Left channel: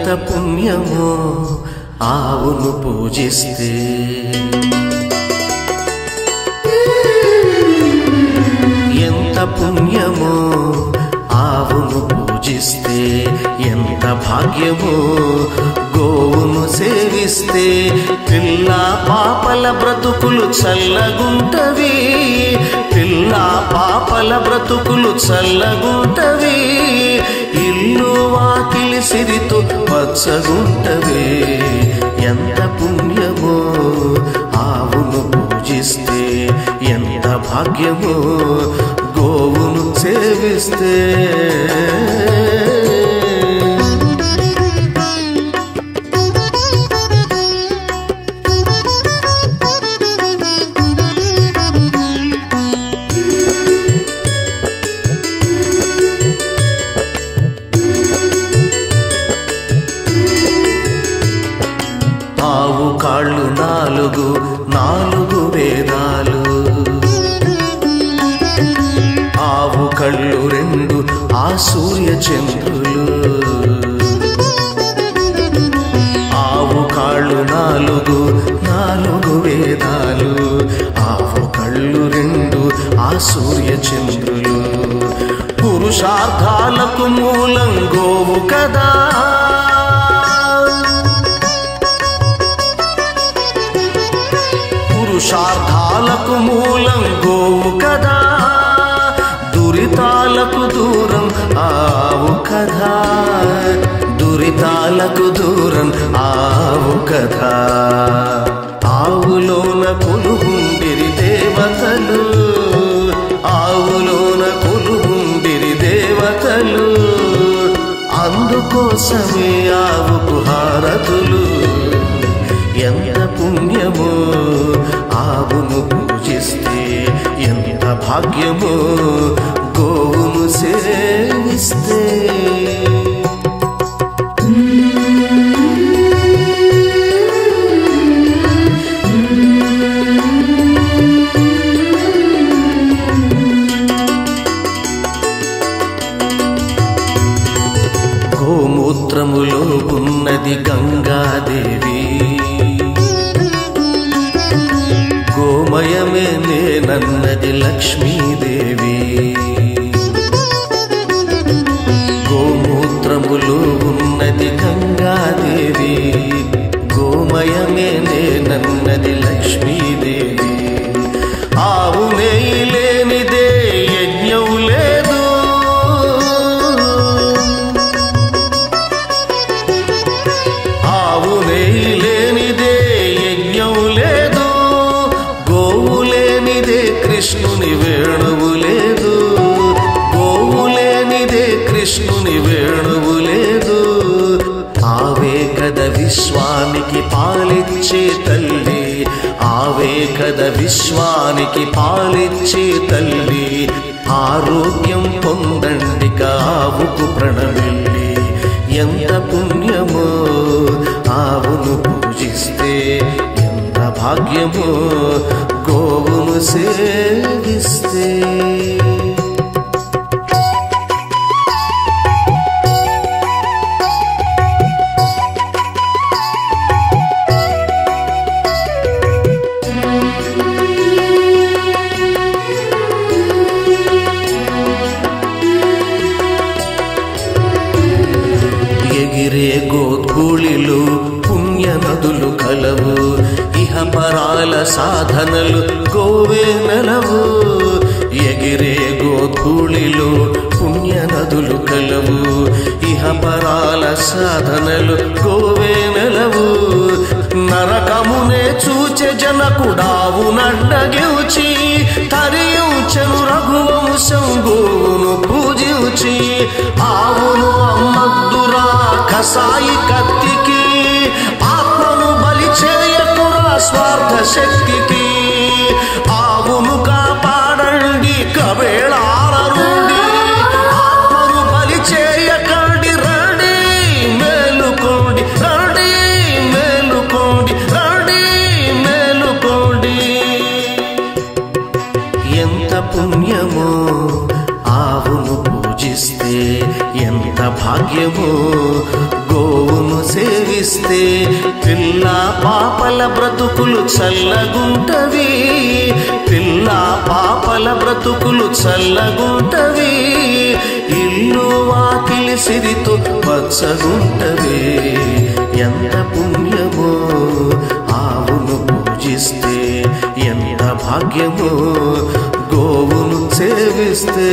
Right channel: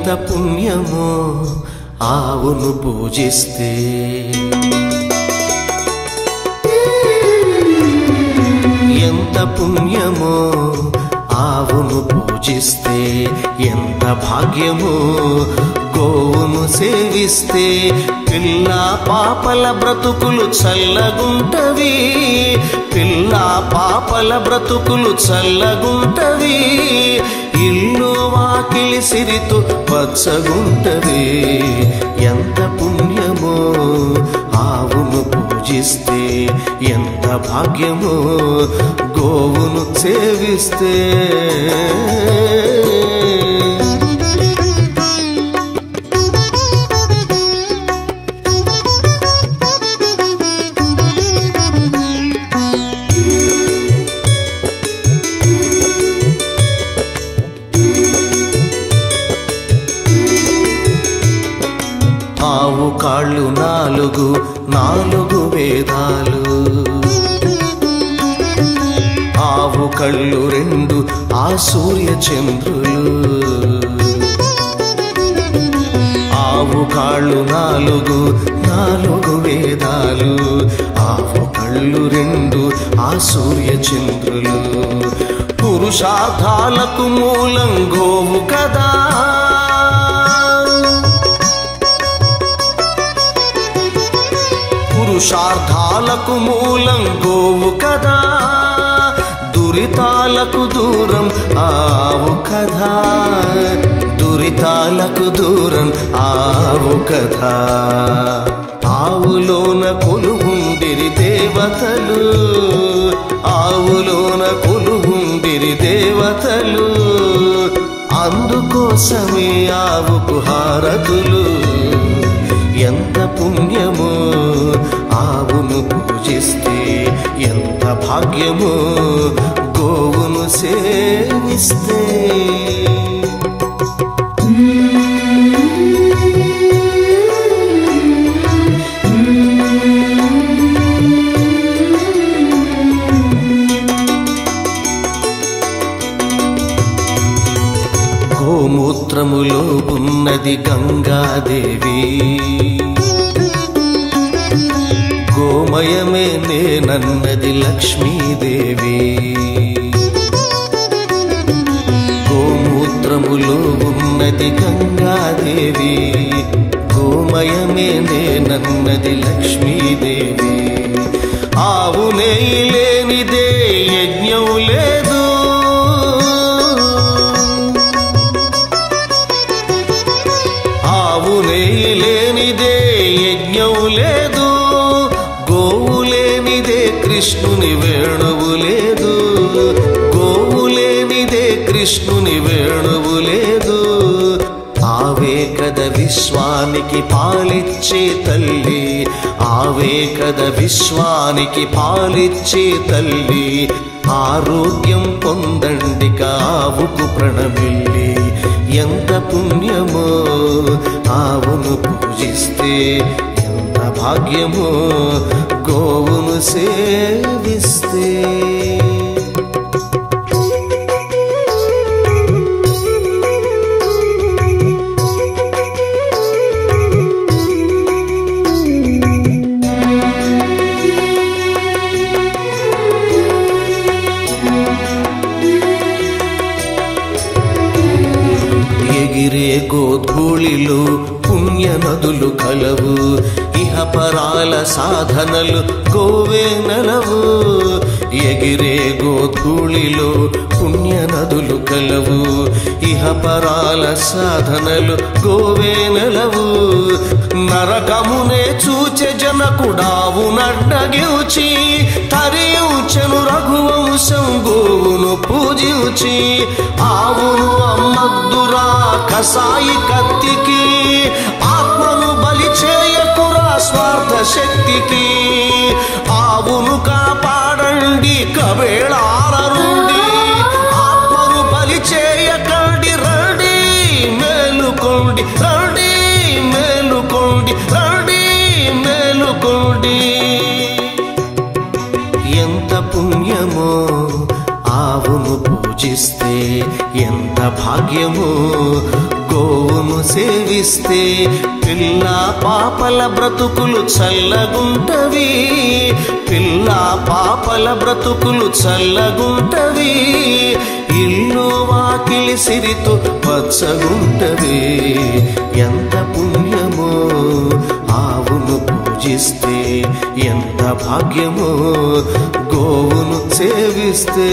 ఎంత పుణ్యమో ఆవును పూజిస్తే, ఎంత పుణ్యమో ఆవును పూజిస్తే, ఎంత భాగ్యమో గోవును సేవిస్తే. పిల్ల పాపల బ్రతుకులు చల్లగుంటవి, పిల్ల పాపల బ్రతుకులు చల్లగుంటవి. ఇల్లు వాకిలి సిరితో పచ్చగుంటవి. ఎంత పుణ్యమో ఆవును పూజిస్తే, ఎంత భాగ్యమో గోవును సేవిస్తే. ఆవు కాళ్ళు నాలుగు, నాలుగు వేదాలు. ఆవు కళ్ళు రెండు, ఆ సూర్య చంద్రులు. ఆవు కాళ్ళు నాలుగు, నాలుగు వేదాలు. ఆవు కళ్ళు రెండు, ఆ సూర్య చంద్రులు. పురుషార్థాలకు మూలం గోవు కదా, పురుషార్థాలకు మూలం గోవు కదా. దురితాలకు దూరం ఆవు కదా, దురితాలకు దూరం ఆవు కదా. ఆవులోన కొలువుండిరి దేవతలు, ఆవులోన కొలువుండిరి దేవతలు. అందుకోసమే ఆవుకు హారతులు. ఎంత పుణ్యమో ఆవును పూజిస్తే, ఎంత భాగ్యమో గోవును సేవిస్తే. గోమూత్రములో ఉన్నది గంగాదేవి, గోమయమే నేనన్నది లక్ష్మీదేవి. గోమూత్రములో ఉన్నది గంగాదేవి, గోమయమే నేనన్నది లక్ష్మీదేవి. ఆవు నెయ్యి లేనిదే యజ్ఞం లేదు, ఆవు నెయ్యి లేనిదే యజ్ఞం లేదు. గోవు లేనిదే కృష్ణుని వేణువు లేదు, గోవు లేనిదే కృష్ణుని వేణువు లేదు. ఆవే కద విశ్వానికి పాలిచ్చే తల్లి, ఆవే కద విశ్వానికి పాలిచ్చే తల్లి. ఆరోగ్యం పొందండిక ఆవుకు ప్రణమిల్లి. ఎంత పుణ్యమో ఆవును పూజిస్తే, ఎంత భాగ్యమో గోవును సేవిస్తే. ఎగిరే గోధూళిలో పుణ్య నదులు కలవు, ఇహపరాల సాధనలు గోవే నెలవు. ఎగిరే గోధూళిలో పుణ్య నదులు కలవు, ఇహపరాల సాధనలు గోవే నెలవు. నరకమునే చూచె జనకుడావు నడ్డగిల్చి, తరియుచెను రఘువంశం గోవును పూజించి. ఆవును అమ్మద్దురా కసాయి కత్తికి, ఆత్మను బలి చేయకురా స్వార్థ శక్తికి. ఆవును కాపాడండి కబేళాల నుండి, ఆత్మను బలి చేయకండి. రండి మేలుకోండి, రండి మేలుకోండి, రండి మేలుకోండి. ఎంత పుణ్యమో ఆవును పూజిస్తే ఎంత భాగ్యమో, గోవును సేవిస్తే పిల్ల పాపల బ్రతుకులు చల్లగుంటవి, పిల్ల పాపల బ్రతుకులు చల్లగుంటవి, ఇల్లు వాకిలి సిరితో పచ్చగుంటవి. ఎంత పుణ్యమో ఆవును పూజిస్తే, ఎంత భాగ్యమో గోవును సేవిస్తే.